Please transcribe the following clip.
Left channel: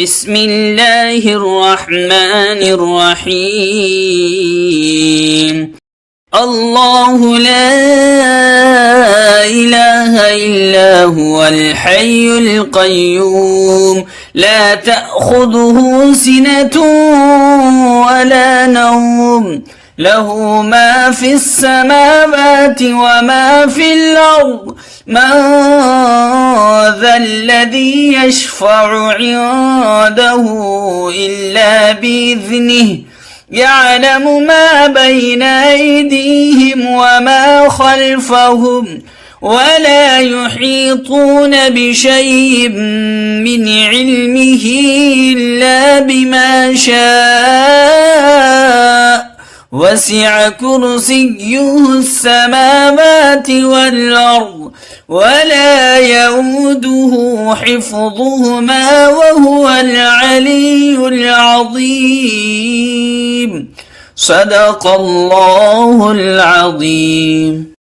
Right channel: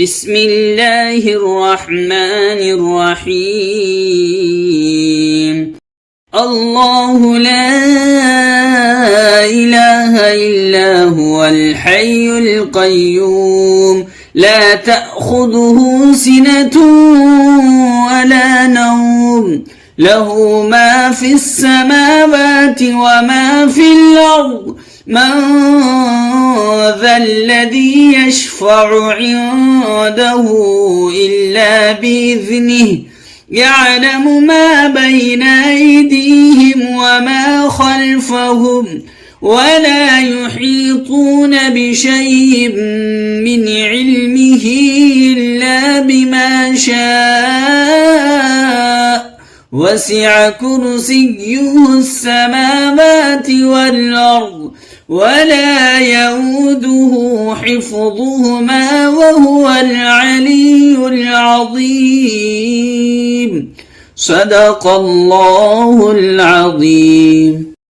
بسم الله الرحمن الرحيم الله لا إله إلا هو الحي القيوم لا تأخذه سنة ولا نوم له ما في السماوات وما في الأرض من ذا الذي يشفع عنده إلا بإذنه يعلم ما بين أيديهم وما خلفهم ولا يحيطون بشيء من علمه إلا بما شاء وسع كرسيه السماوات والأرض ولا يؤوده حفظهما وهو العلي العظيم صدق الله العظيم.